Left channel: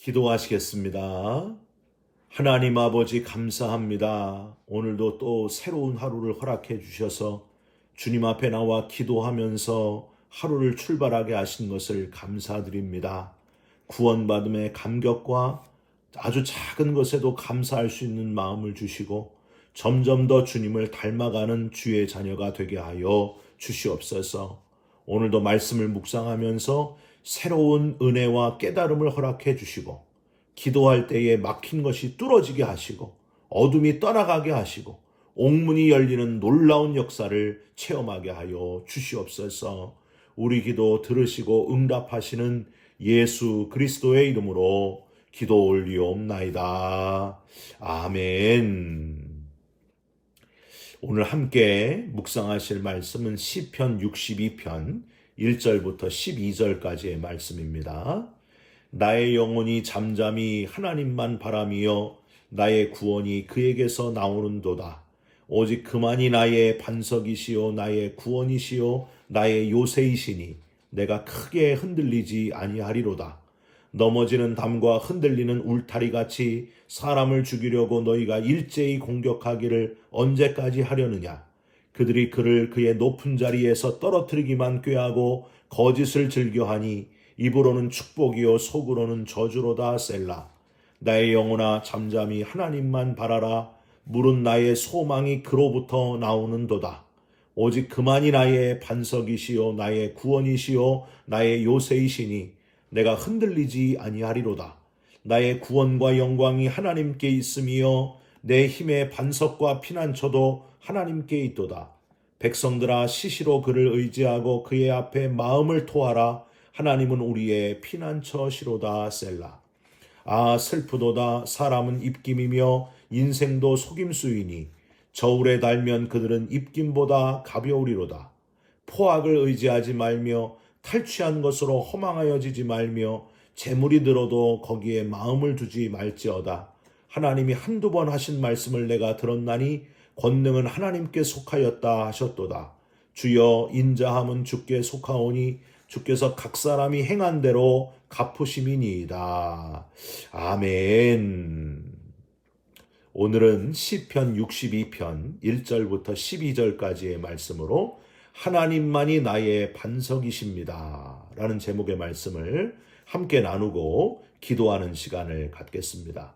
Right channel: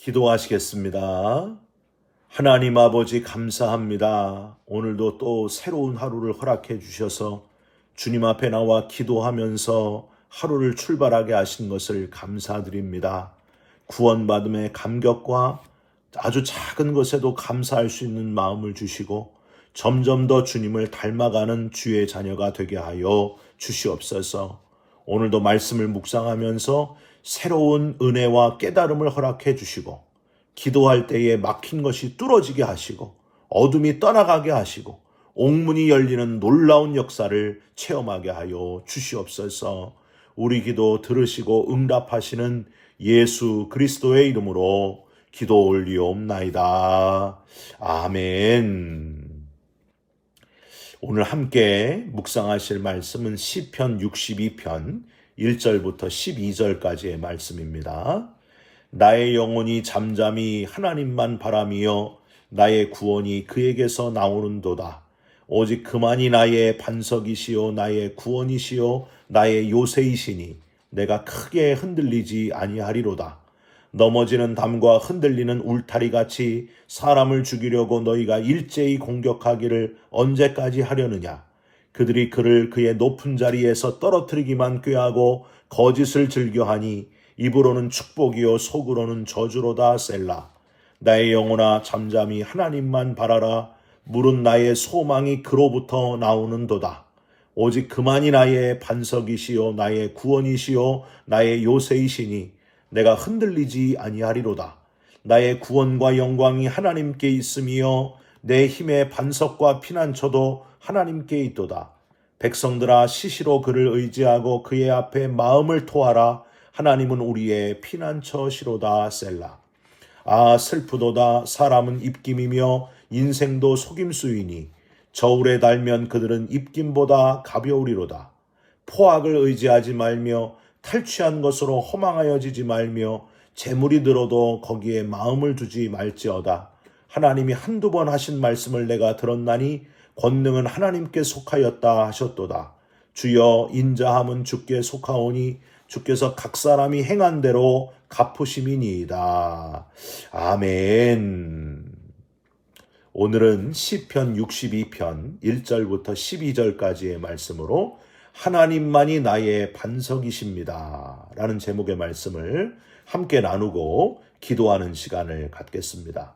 기도하시겠습니다. 하나님 아버지 감사합니다. 오늘도 또 새로운 하루를 허락해 주셔서 주님 앞에 나와 기도하면서 하루를 출발하게 하신 것을 감사드립니다. 구원받음의 감격과 아주 작은 것에도 감사할 수 있는 마음을 주시고 점점 더 주님을 닮아가는 주의 자녀가 되게 하여 주시옵소서. 오늘도 말씀을 묵상하면서 새로운 은혜와 깨달음을 허락해 주시고 기도할 때에 막힌 것이 뚫어지게 하시고 어둠이 떠나가게 하시고 옥문이 열리는 놀라운 역사를 체험하게 하여 주시옵소서. 우리 기도 들으시고 응답하시는 예수 그리스도의 이름으로 기도 올리옵나이다. 아멘. 오늘 함께 묵상하실 말씀은 시편 62편 1절부터 12절까지의 말씀입니다. 나의 영혼이 잠잠히 하나님만 바라며 나의 구원이 그에게서 나오는도다. 오직 그만이 나의 반석이시요 나의 구원이시요 나의 요새이시니 내가 크게 흔들리지 아니하리로다. 넘어지는 담과 흔들리는 울타리같이 사람을 죽이려고 너희가 일제히 공격하기를 언제까지 하려느냐. 그들이 그를 그의 높은 자리에서 떨어뜨리기만 꾀하고 거짓을 즐겨하니 입으로는 축복이요 속으로는 저주로다. 셀라. 나의 영혼아 잠잠히 하나님만 바라라. 물은 나의 소망이 그로부터 나오는도다. 오직 그만이 나의 반석이시요 나의 구원이시요 나의 요새이시니 내가 흔들리지 아니하리로다. 나의 구원과 영광이 하나님께 있으며 내 힘의 반석과 피난처도 하나님께 있도다. 백성들아 시시로 그를 의지하고 그의 앞에 마음을 토하라. 하나님은 우리의 피난처시로다. 셀라. 아 슬프도다. 사람은 입김이며 인생도 속임수이니 저울에 달면 그들은 입김보다 가벼우리로다. 포악을 의지하지 말며 탈취한 것으로 허망하여지지 말며 재물이 들어도 거기에 마음을 두지 말지어다. 하나님이 한두 번 하신 말씀을 내가 들었나니 권능은 하나님께 속하였다 하셨도다. 주여 인자함은 주께 속하오니 주께서 각 사람이 행한 대로 갚으심이니이다. 아멘. 오늘은 시편 62편 1절부터 12절까지의 말씀으로 하나님만이 나의 반석이십니다 라는 제목의 말씀을 함께 나누고 기도하는 시간을 갖겠습니다.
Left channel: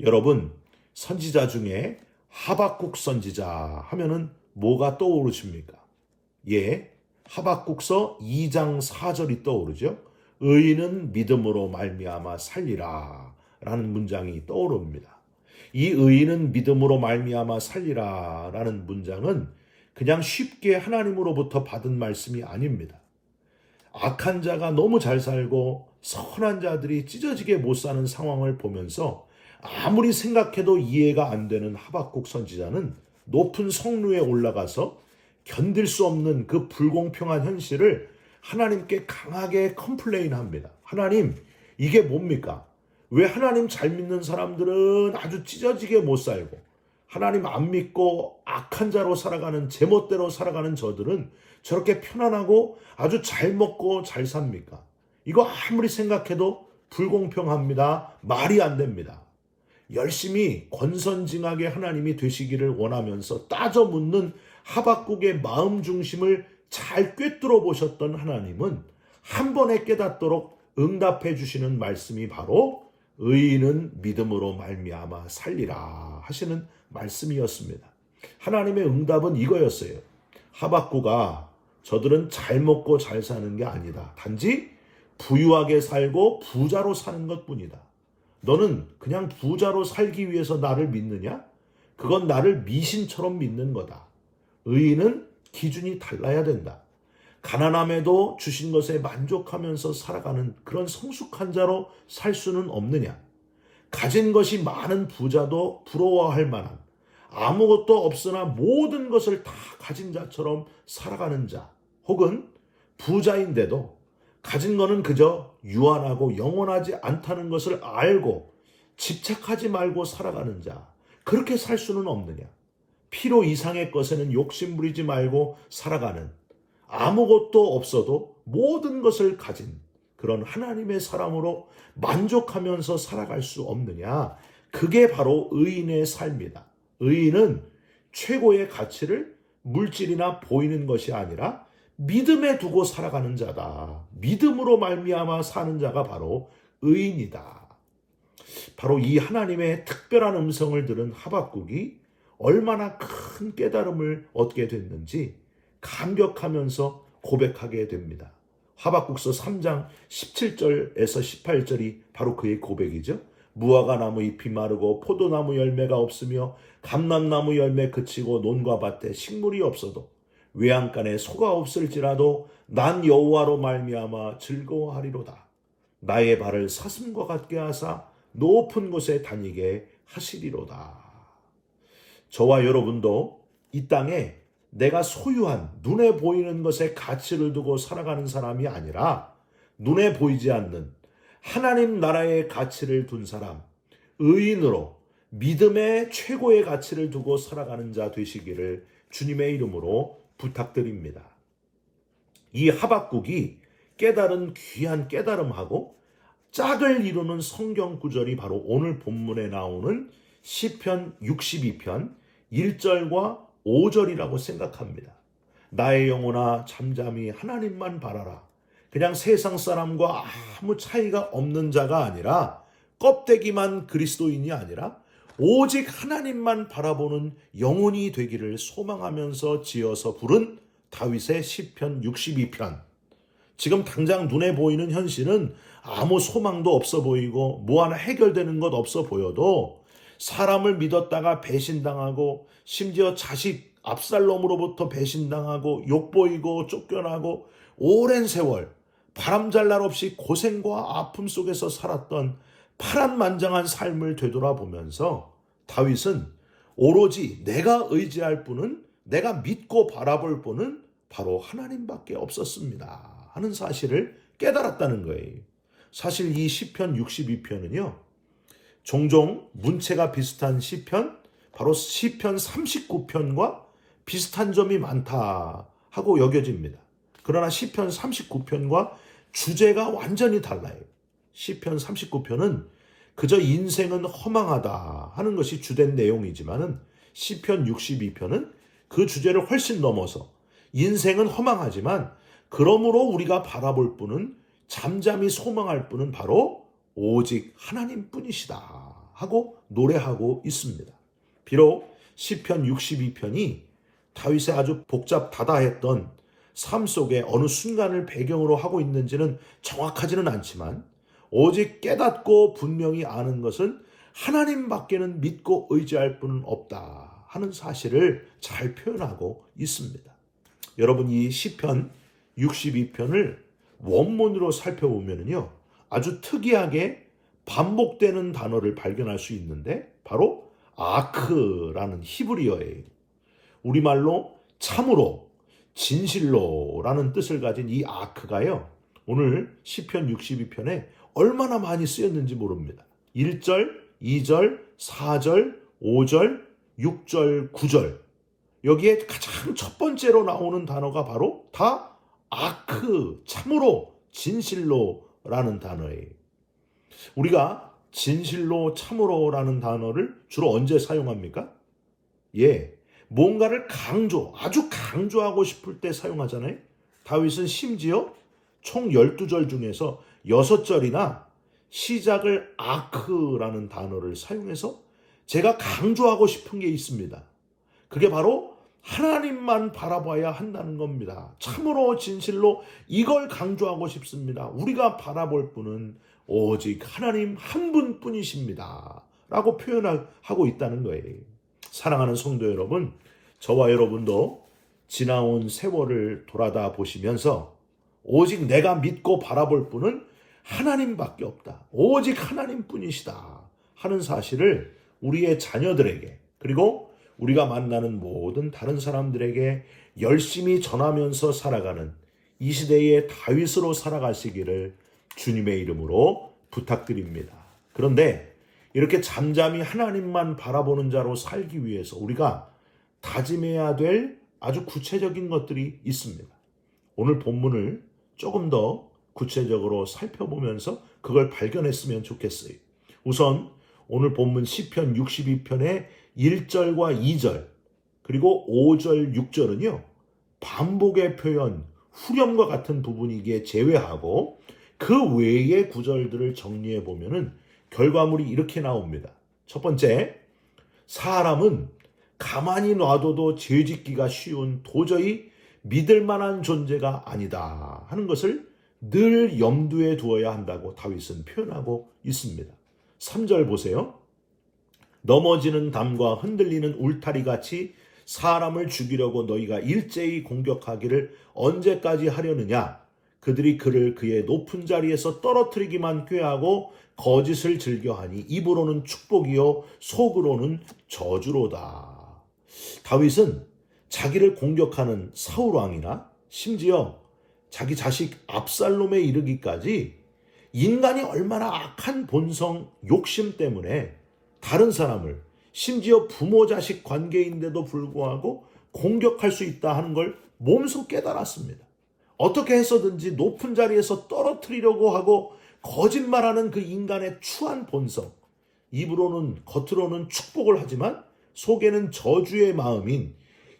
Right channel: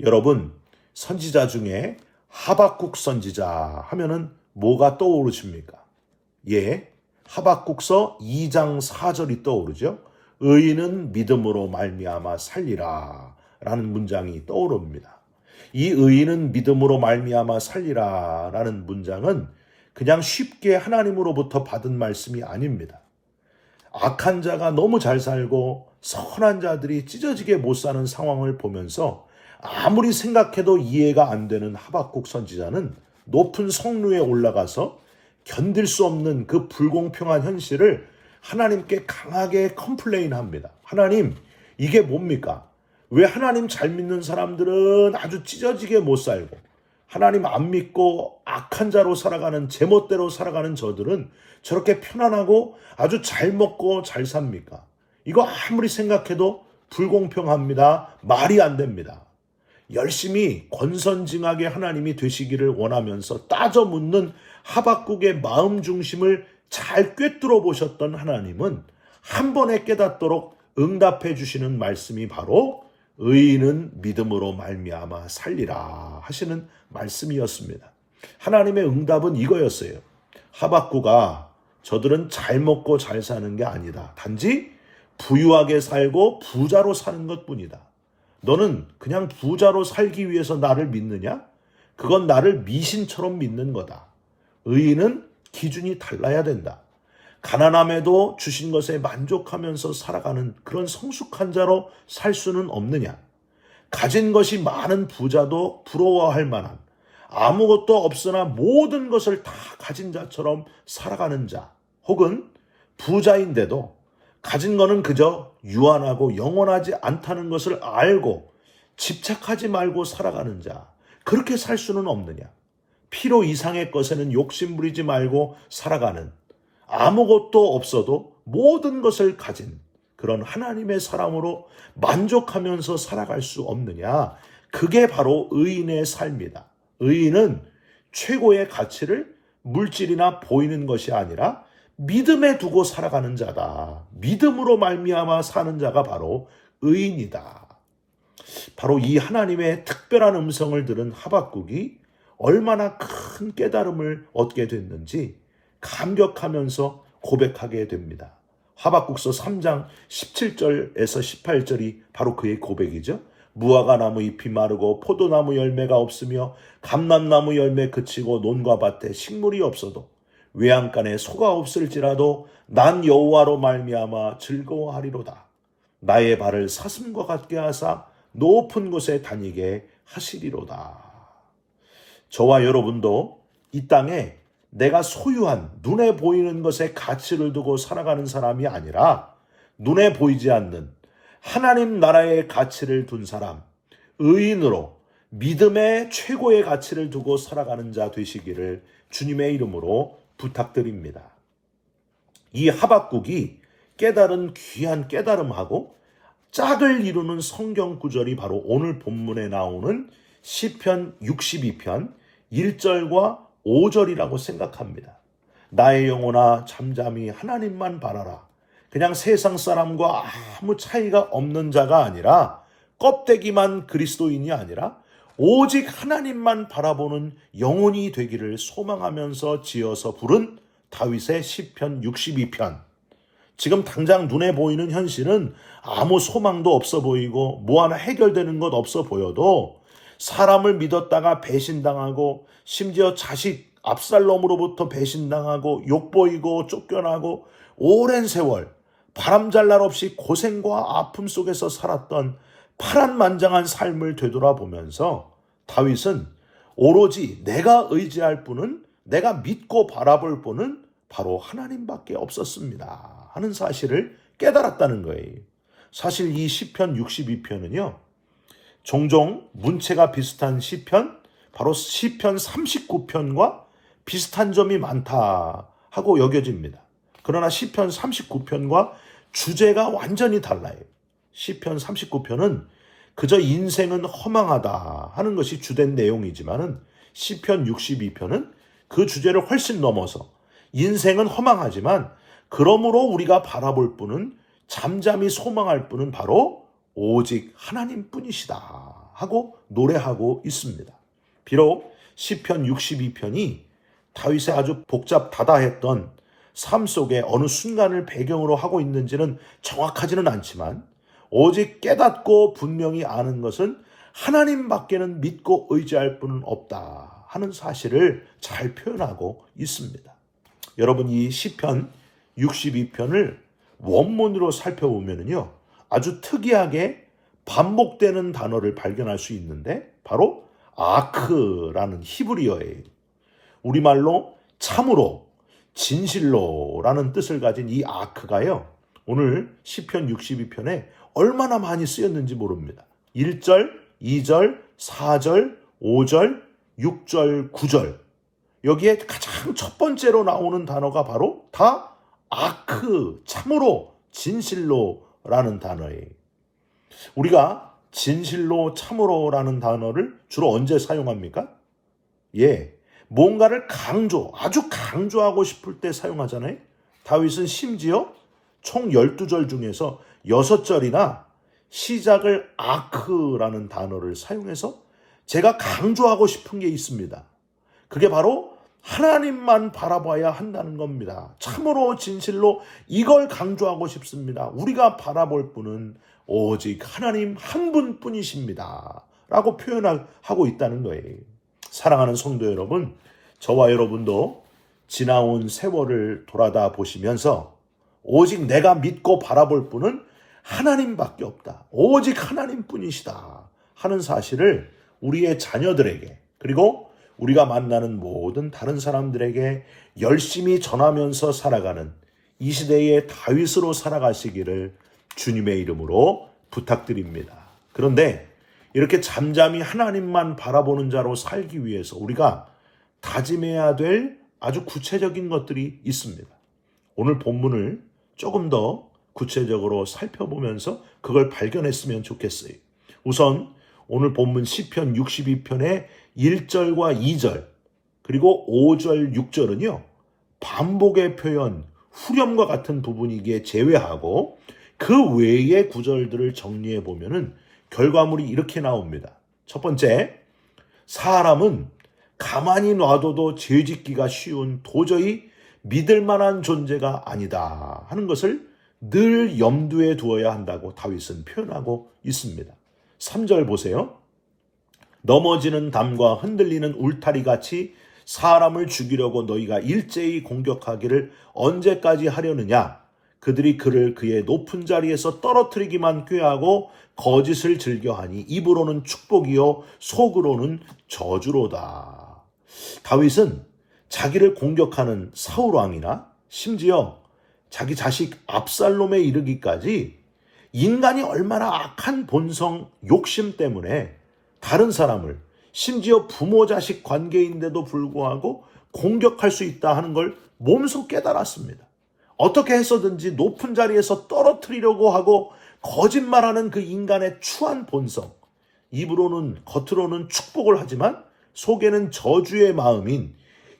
여러분, 선지자 중에 하박국 선지자 하면은 뭐가 떠오르십니까? 예, 하박국서 2장 4절이 떠오르죠. 의인은 믿음으로 말미암아 살리라 라는 문장이 떠오릅니다. 이 의인은 믿음으로 말미암아 살리라 라는 문장은 그냥 쉽게 하나님으로부터 받은 말씀이 아닙니다. 악한 자가 너무 잘 살고 선한 자들이 찢어지게 못 사는 상황을 보면서 아무리 생각해도 이해가 안 되는 하박국 선지자는 높은 성루에 올라가서 견딜 수 없는 그 불공평한 현실을 하나님께 강하게 컴플레인합니다. 하나님, 이게 뭡니까? 왜 하나님 잘 믿는 사람들은 아주 찢어지게 못 살고 하나님 안 믿고 악한 자로 살아가는 제멋대로 살아가는 저들은 저렇게 편안하고 아주 잘 먹고 잘 삽니까? 이거 아무리 생각해도 불공평합니다. 말이 안 됩니다. 열심히 권선징악의 하나님이 되시기를 원하면서 따져 묻는 하박국의 마음 중심을 잘 꿰뚫어 보셨던 하나님은 한 번에 깨닫도록 응답해 주시는 말씀이 바로 의인은 믿음으로 말미암아 살리라 하시는 말씀이었습니다. 하나님의 응답은 이거였어요. 하박국아, 저들은 잘 먹고 잘 사는 게 아니다. 단지 부유하게 살고 부자로 사는 것뿐이다. 너는 그냥 부자로 살기 위해서 나를 믿느냐? 그건 나를 미신처럼 믿는 거다. 의인은 기준이 달라야 된다. 가난함에도 주신 것에 만족하면서 살아가는 그런 성숙한 자로 살 수는 없느냐? 가진 것이 많은 부자도 부러워할 만한 아무것도 없으나 모든 것을 다 가진 자처럼 살아가는 자, 혹은 부자인데도 가진 거는 그저 유한하고 영원하지 않다는 것을 알고 집착하지 말고 살아가는 자, 그렇게 살 수는 없느냐? 필요 이상의 것에는 욕심 부리지 말고 살아가는, 아무것도 없어도 모든 것을 가진 그런 하나님의 사람으로 만족하면서 살아갈 수 없느냐? 그게 바로 의인의 삶이다. 의인은 최고의 가치를 물질이나 보이는 것이 아니라 믿음에 두고 살아가는 자다. 믿음으로 말미암아 사는 자가 바로 의인이다. 바로 이 하나님의 특별한 음성을 들은 하박국이 얼마나 큰 깨달음을 얻게 됐는지 감격하면서 고백하게 됩니다. 하박국서 3장 17절에서 18절이 바로 그의 고백이죠. 무화과 나무 잎이 마르고 포도나무 열매가 없으며 감람나무 열매 그치고 논과 밭에 식물이 없어도 외양간에 소가 없을지라도 난 여호와로 말미암아 즐거워하리로다. 나의 발을 사슴과 같게 하사 높은 곳에 다니게 하시리로다. 저와 여러분도 이 땅에 내가 소유한 눈에 보이는 것에 가치를 두고 살아가는 사람이 아니라 눈에 보이지 않는 하나님 나라의 가치를 둔 사람, 의인으로 믿음의 최고의 가치를 두고 살아가는 자 되시기를 주님의 이름으로 부탁드립니다. 이 하박국이 깨달은 귀한 깨달음하고 짝을 이루는 성경 구절이 바로 오늘 본문에 나오는 시편 62편 1절과 5절이라고 생각합니다. 나의 영혼아 잠잠히 하나님만 바라라. 그냥 세상 사람과 아무 차이가 없는 자가 아니라 껍데기만 그리스도인이 아니라 오직 하나님만 바라보는 영혼이 되기를 소망하면서 지어서 부른 다윗의 시편 62편. 지금 당장 눈에 보이는 현실은 아무 소망도 없어 보이고 뭐 하나 해결되는 것 없어 보여도 사람을 믿었다가 배신당하고 심지어 자식 압살롬으로부터 배신당하고 욕보이고 쫓겨나고 오랜 세월 바람잘 날 없이 고생과 아픔 속에서 살았던 파란만장한 삶을 되돌아보면서 다윗은 오로지 내가 의지할 분은, 내가 믿고 바라볼 분은 바로 하나님밖에 없었습니다 하는 사실을 깨달았다는 거예요. 사실 이 시편 62편은요 종종 문체가 비슷한 시편, 바로 시편 39편과 비슷한 점이 많다 하고 여겨집니다. 그러나 시편 39편과 주제가 완전히 달라요. 시편 39편은 그저 인생은 허망하다 하는 것이 주된 내용이지만은 시편 62편은 그 주제를 훨씬 넘어서 인생은 허망하지만 그러므로 우리가 바라볼 분은, 잠잠히 소망할 분은 바로 오직 하나님뿐이시다 하고 노래하고 있습니다. 비록 시편 62편이 다윗의 아주 복잡다다했던 삶 속에 어느 순간을 배경으로 하고 있는지는 정확하지는 않지만 오직 깨닫고 분명히 아는 것은 하나님밖에는 믿고 의지할 분은 없다 하는 사실을 잘 표현하고 있습니다. 여러분, 이 시편 62편을 원문으로 살펴보면요 아주 특이하게 반복되는 단어를 발견할 수 있는데 바로 아크라는 히브리어예요. 우리말로 참으로, 진실로라는 뜻을 가진 이 아크가요 오늘 시편 62편에 얼마나 많이 쓰였는지 모릅니다. 1절, 2절, 4절, 5절, 6절, 9절 여기에 가장 첫 번째로 나오는 단어가 바로 다 아크, 참으로, 진실로라는 단어예요. 우리가 진실로, 참으로라는 단어를 주로 언제 사용합니까? 뭔가를 아주 강조하고 싶을 때 사용하잖아요. 다윗은 심지어 총 12절 중에서 6절이나 시작을 아크라는 단어를 사용해서 제가 강조하고 싶은 게 있습니다. 그게 바로 하나님만 바라봐야 한다는 겁니다. 참으로, 진실로 이걸 강조하고 싶습니다. 우리가 바라볼 분은 오직 하나님 한 분뿐이십니다 라고 표현하고 있다는 거예요. 사랑하는 성도 여러분, 저와 여러분도 지나온 세월을 돌아다 보시면서 오직 내가 믿고 바라볼 분은 하나님밖에 없다, 오직 하나님뿐이시다 하는 사실을 우리의 자녀들에게, 그리고 우리가 만나는 모든 다른 사람들에게 열심히 전하면서 살아가는 이 시대의 다윗으로 살아가시기를 주님의 이름으로 부탁드립니다. 그런데 이렇게 잠잠히 하나님만 바라보는 자로 살기 위해서 우리가 다짐해야 될 아주 구체적인 것들이 있습니다. 오늘 본문을 조금 더 구체적으로 살펴보면서 그걸 발견했으면 좋겠어요. 우선 오늘 본문 시편 62편의 1절과 2절 그리고 5절, 6절은요. 반복의 표현, 후렴과 같은 부분이기에 제외하고 그 외의 구절들을 정리해 보면은 결과물이 이렇게 나옵니다. 첫 번째, 사람은 가만히 놔둬도 죄짓기가 쉬운 도저히 믿을 만한 존재가 아니다 하는 것을 늘 염두에 두어야 한다고 다윗은 표현하고 있습니다. 3절 보세요. 넘어지는 담과 흔들리는 울타리 같이 사람을 죽이려고 너희가 일제히 공격하기를 언제까지 하려느냐? 그들이 그를 그의 높은 자리에서 떨어뜨리기만 꾀하고 거짓을 즐겨하니 입으로는 축복이요 속으로는 저주로다. 다윗은 자기를 공격하는 사울 왕이나 심지어 자기 자식 압살롬에 이르기까지 인간이 얼마나 악한 본성, 욕심 때문에 다른 사람을 심지어 부모 자식 관계인데도 불구하고 공격할 수 있다 하는 걸 몸소 깨달았습니다. 어떻게 해서든지 높은 자리에서 떨어뜨리려고 하고 거짓말하는 그 인간의 추한 본성, 입으로는 겉으로는 축복을 하지만 속에는 저주의 마음인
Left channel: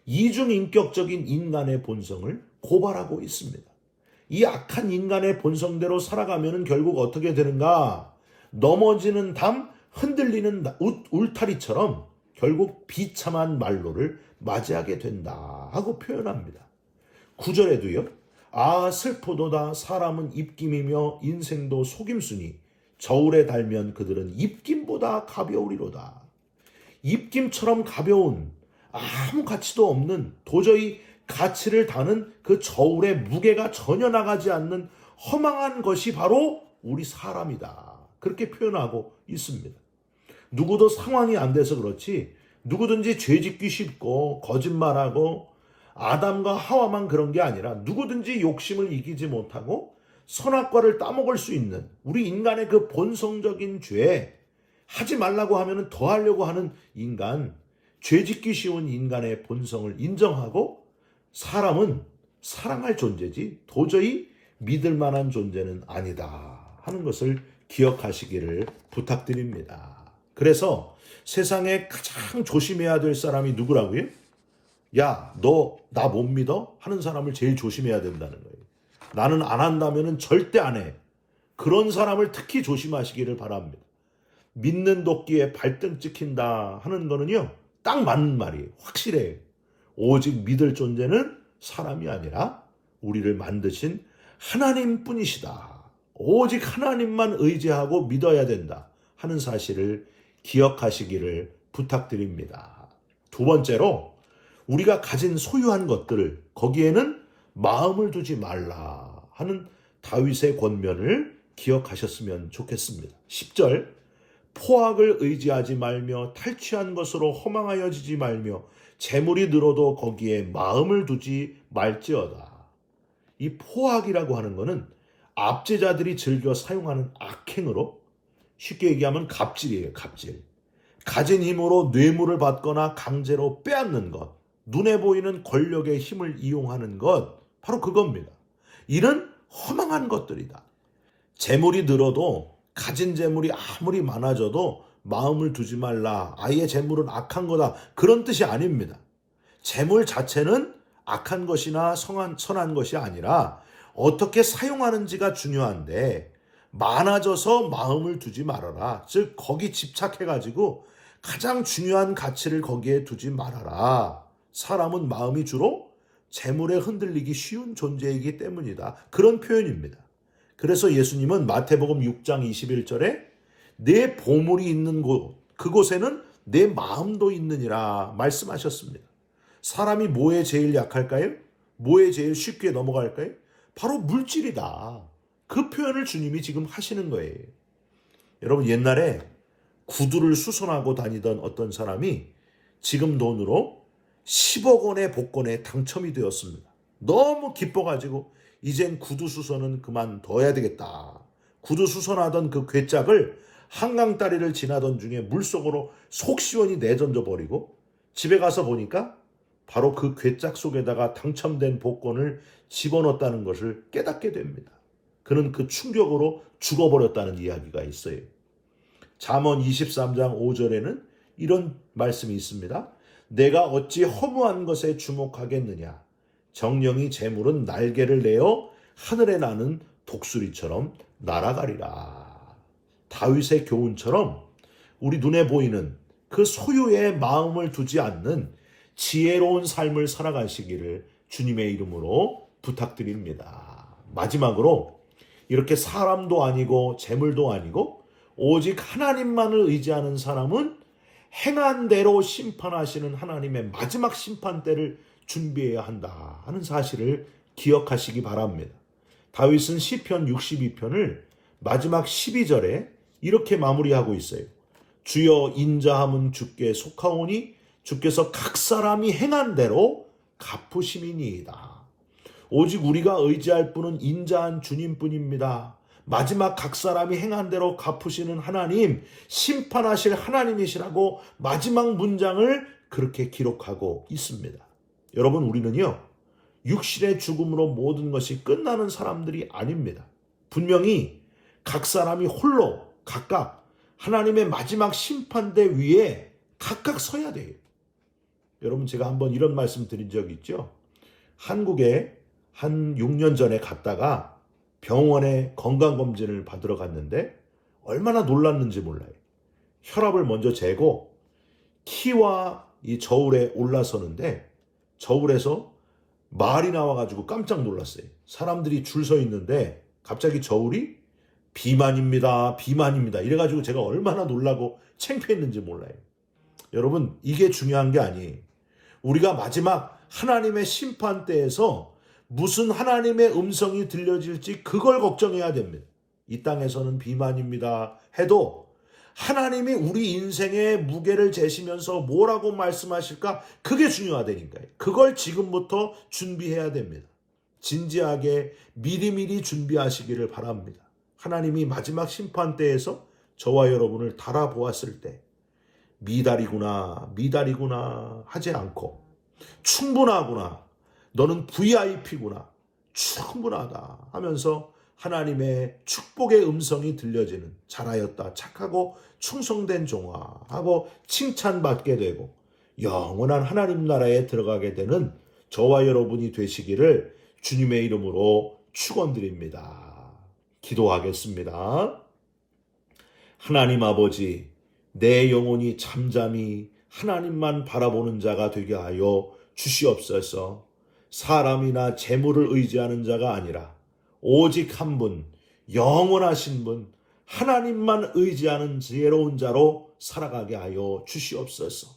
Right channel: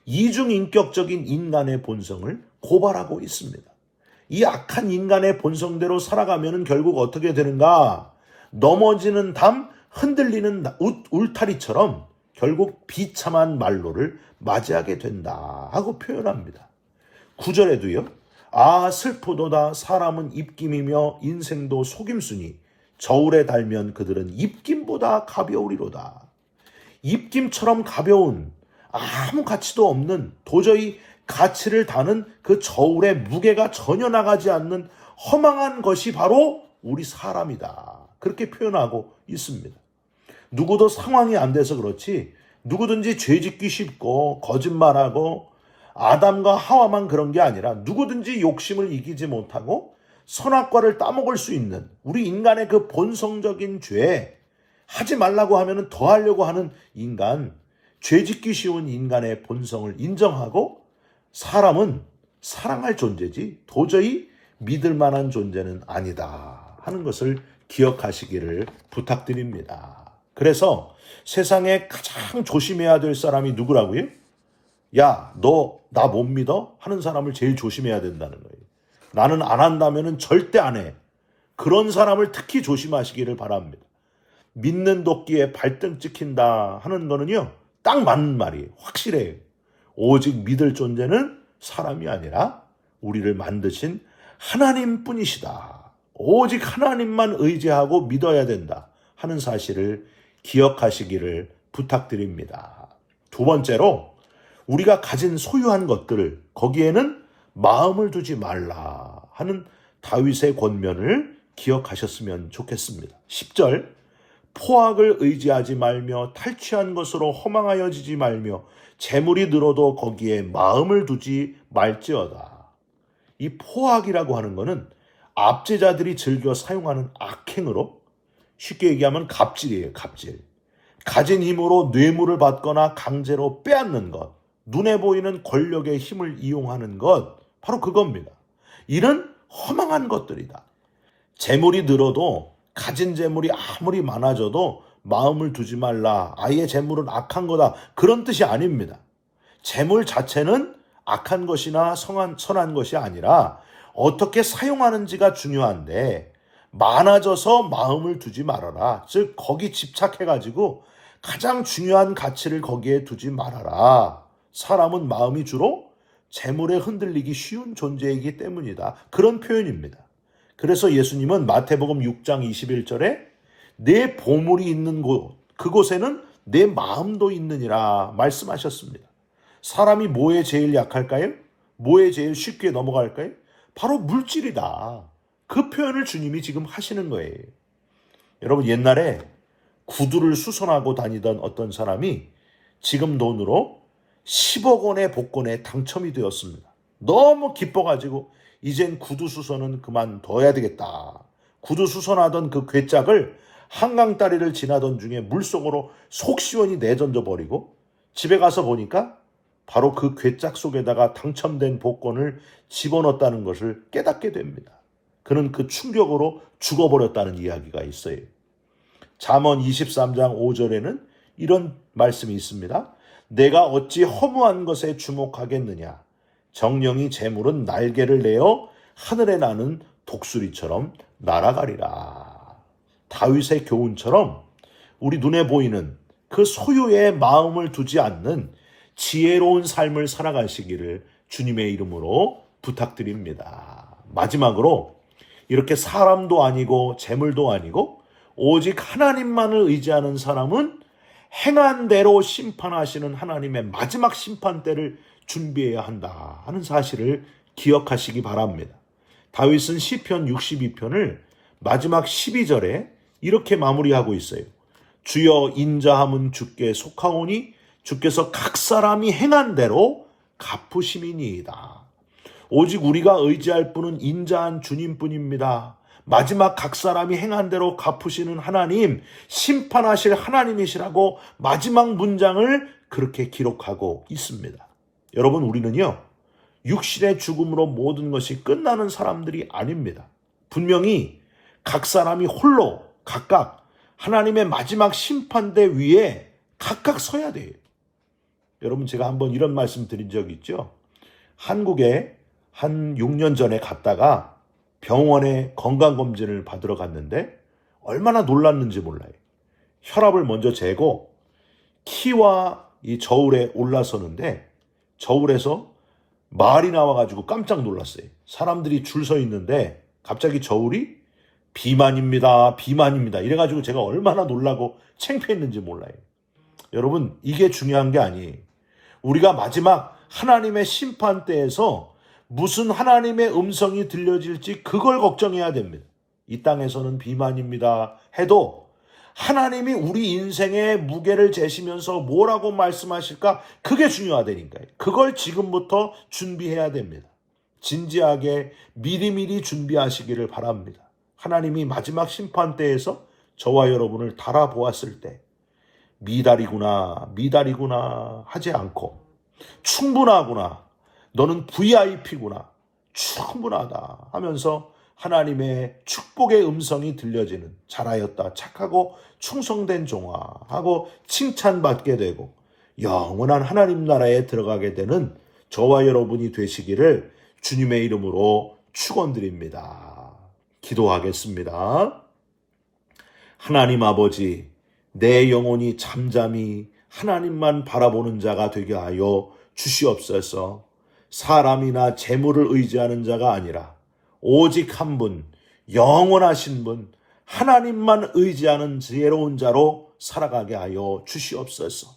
이중인격적인 인간의 본성을 고발하고 있습니다. 이 악한 인간의 본성대로 살아가면 결국 어떻게 되는가? 넘어지는 담, 흔들리는 울타리처럼 결국 비참한 말로를 맞이하게 된다 하고 표현합니다. 9절에도요. 아 슬프도다 사람은 입김이며 인생도 속임수니 저울에 달면 그들은 입김보다 가벼우리로다. 입김처럼 가벼운 아무 가치도 없는 도저히 가치를 다는 그 저울의 무게가 전혀 나가지 않는 허망한 것이 바로 우리 사람이다. 그렇게 표현하고 있습니다. 누구도 상황이 안 돼서 그렇지 누구든지 죄짓기 쉽고 거짓말하고 아담과 하와만 그런 게 아니라 누구든지 욕심을 이기지 못하고 선악과를 따먹을 수 있는 우리 인간의 그 본성적인 죄, 하지 말라고 하면 더 하려고 하는 인간, 죄짓기 쉬운 인간의 본성을 인정하고 사람은 사랑할 존재지 도저히 믿을 만한 존재는 아니다 하는 것을 기억하시기를 부탁드립니다. 그래서 세상에 가장 조심해야 될 사람이 누구라고요? 야, 너 나 못 믿어? 하는 사람을 제일 조심해야 된다는 거예요. 나는 안 한다면 절대 안 해. 그런 사람을 특히 조심하시기를 바랍니다. 믿는 도끼에 발등 찍힌다 하는 거는요. 딱 맞는 말이에요. 확실해요. 오직 믿을 존재는 사람이 아니라 우리를 만드신 하나님뿐이시다. 오직 하나님만 의지하고 믿어야 된다 하는 사실을 기억하시기를 부탁드립니다. 두 번째로 우리가 가진 소유한 것들을 거기에는 마음을 두지 말라 하는 다윗의 권면을 기억하셨으면 좋겠습니다. 10절 포악을 의지하지 말며 탈취한 것으로 허망하여지지 말며 재물이 늘어도 거기에 마음을 두지 말지어다. 이 포악이라고 하는 것은 압제자들이 즐겨 사용하는 악행으로 쉽게 얘기하면 갑질이에요. 갑질. 가진 힘으로 뇌물을 받거나 강제로 빼앗는 것, 눈에 보이는 권력의 힘을 이용하는 것, 바로 그겁니다. 이런 허망한 것들이다. 재물이 늘어도 가진 재물이 아무리 많아져도 마음을 두지 말라. 아예 재물은 악한 거다. 그런 뜻이 아닙니다. 재물 자체는 악한 것이나 선한 것이 아니라 어떻게 사용하는지가 중요한데 많아져서 마음을 두지 말아라. 즉 거기 집착해가지고 가장 중요한 가치를 거기에 두지 말아라. 사람은 마음이 주로 재물에 흔들리기 쉬운 존재이기 때문이다. 그런 표현입니다. 그래서 예수님은 마태복음 6장 21절에 내 보물이 있는 곳, 그곳에는 내 마음도 있느니라 말씀하셨습니다. 사람이 뭐에 제일 약할까요? 뭐에 제일 쉽게 넘어갈까요? 바로 물질이다. 그 표현을 주님이 지금 하시는 거예요. 여러분 옛날에 구두를 수선하고 다니던 어떤 사람이 지금 돈으로 10억 원의 복권에 당첨이 되었습니다. 너무 기뻐가지고 이젠 구두 수선은 그만둬야 되겠다. 구두 수선하던 그 괴짝을 한강다리를 지나던 중에 물속으로 속 시원히 내던져 버리고 집에 가서 보니까 바로 그 괴짝 속에다가 당첨된 복권을 집어넣었다는 것을 깨닫게 됩니다. 그는 그 충격으로 죽어버렸다는 이야기가 있어요. 잠언 23장 5절에는 이런 말씀이 있습니다. 내가 어찌 허무한 것에 주목하겠느냐. 정령이 재물은 날개를 내어 하늘에 나는 독수리처럼 날아가리라. 다윗의 교훈처럼 우리 눈에 보이는 그 소유에 마음을 두지 않는 지혜로운 삶을 살아가시기를 주님의 이름으로 부탁드립니다. 마지막으로 이렇게 사람도 아니고 재물도 아니고 오직 하나님만을 의지하는 사람은 행한 대로 심판하시는 하나님의 마지막 심판 때를 준비해야 한다 하는 사실을 기억하시기 바랍니다. 다윗은 시편 62편을 마지막 12절에 이렇게 마무리하고 있어요. 주여 인자함은 주께 속하오니 주께서 각 사람이 행한 대로 갚으심이니이다. 오직 우리가 의지할 분은 인자한 주님뿐입니다. 마지막 각 사람이 행한 대로 갚으시는 하나님, 심판하실 하나님이시라고 마지막 문장을 그렇게 기록하고 있습니다. 여러분, 우리는요, 육신의 죽음으로 모든 것이 끝나는 사람들이 아닙니다. 분명히 각 사람이 홀로 각각 하나님의 마지막 심판대 위에 각각 서야 돼요. 여러분, 제가 한번 이런 말씀 드린 적이 있죠. 한국에 한 6년 전에 갔다가 병원에 건강검진을 받으러 갔는데 얼마나 놀랐는지 몰라요. 혈압을 먼저 재고 키와 이 저울에 올라서는데 저울에서 말이 나와가지고 깜짝 놀랐어요. 사람들이 줄 서 있는데 갑자기 저울이 비만입니다. 비만입니다. 이래가지고 제가 얼마나 놀라고 창피했는지 몰라요. 여러분, 이게 중요한 게 아니에요. 우리가 마지막 하나님의 심판대에서 무슨 하나님의 음성이 들려질지 그걸 걱정해야 됩니다. 이 땅에서는 비만입니다 해도 하나님이 우리 인생의 무게를 재시면서 뭐라고 말씀하실까? 그게 중요하다니까요. 그걸 지금부터 준비해야 됩니다. 진지하게 미리미리 준비하시기를 바랍니다. 하나님이 마지막 심판대에서 저와 여러분을 달아보았을 때 미달이구나 하지 않고 충분하구나, 너는 VIP구나, 충분하다 하면서 하나님의 축복의 음성이 들려지는 잘하였다, 착하고 충성된 종아 하고 칭찬받게 되고 영원한 하나님 나라에 들어가게 되는 저와 여러분이 되시기를 주님의 이름으로 축원드립니다. 기도하겠습니다. 하나님 아버지, 내 영혼이 잠잠히 하나님만 바라보는 자가 되게 하여 주시옵소서. 사람이나 재물을 의지하는 자가 아니라 오직 한 분, 영원하신 분, 하나님만 의지하는 지혜로운 자로 살아가게 하여 주시옵소서.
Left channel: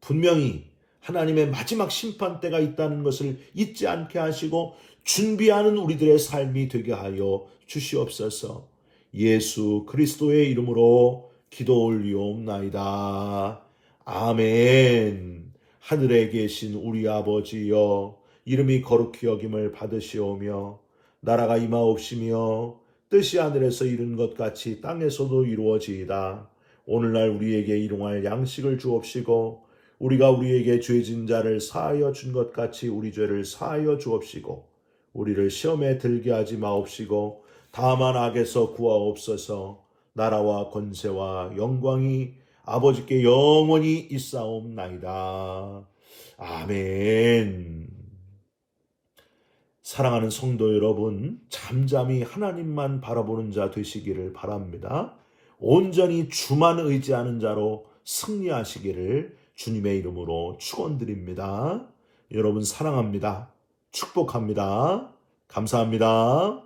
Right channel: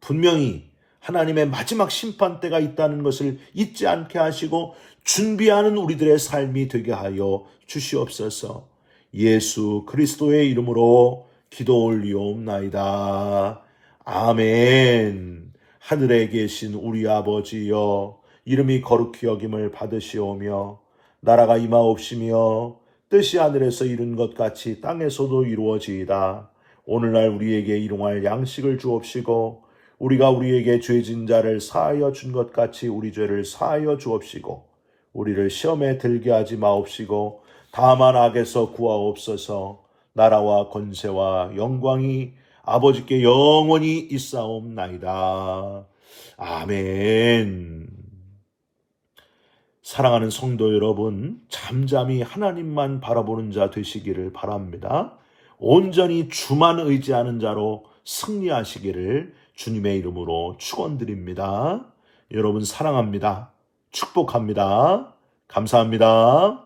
분명히 하나님의 마지막 심판대가 있다는 것을 잊지 않게 하시고 준비하는 우리들의 삶이 되게 하여 주시옵소서. 예수 그리스도의 이름으로 기도 올리옵나이다. 아멘. 하늘에 계신 우리 아버지여, 이름이 거룩히 여김을 받으시오며 나라가 임하옵시며 뜻이 하늘에서 이룬 것 같이 땅에서도 이루어지이다. 오늘날 우리에게 일용할 양식을 주옵시고 우리가 우리에게 죄진 자를 사하여 준 것 같이 우리 죄를 사하여 주옵시고 우리를 시험에 들게 하지 마옵시고 다만 악에서 구하옵소서. 나라와 권세와 영광이 아버지께 영원히 있사옵나이다. 아멘. 사랑하는 성도 여러분, 잠잠히 하나님만 바라보는 자 되시기를 바랍니다. 온전히 주만 의지하는 자로 승리하시기를 주님의 이름으로 축원드립니다. 여러분 사랑합니다. 축복합니다. 감사합니다.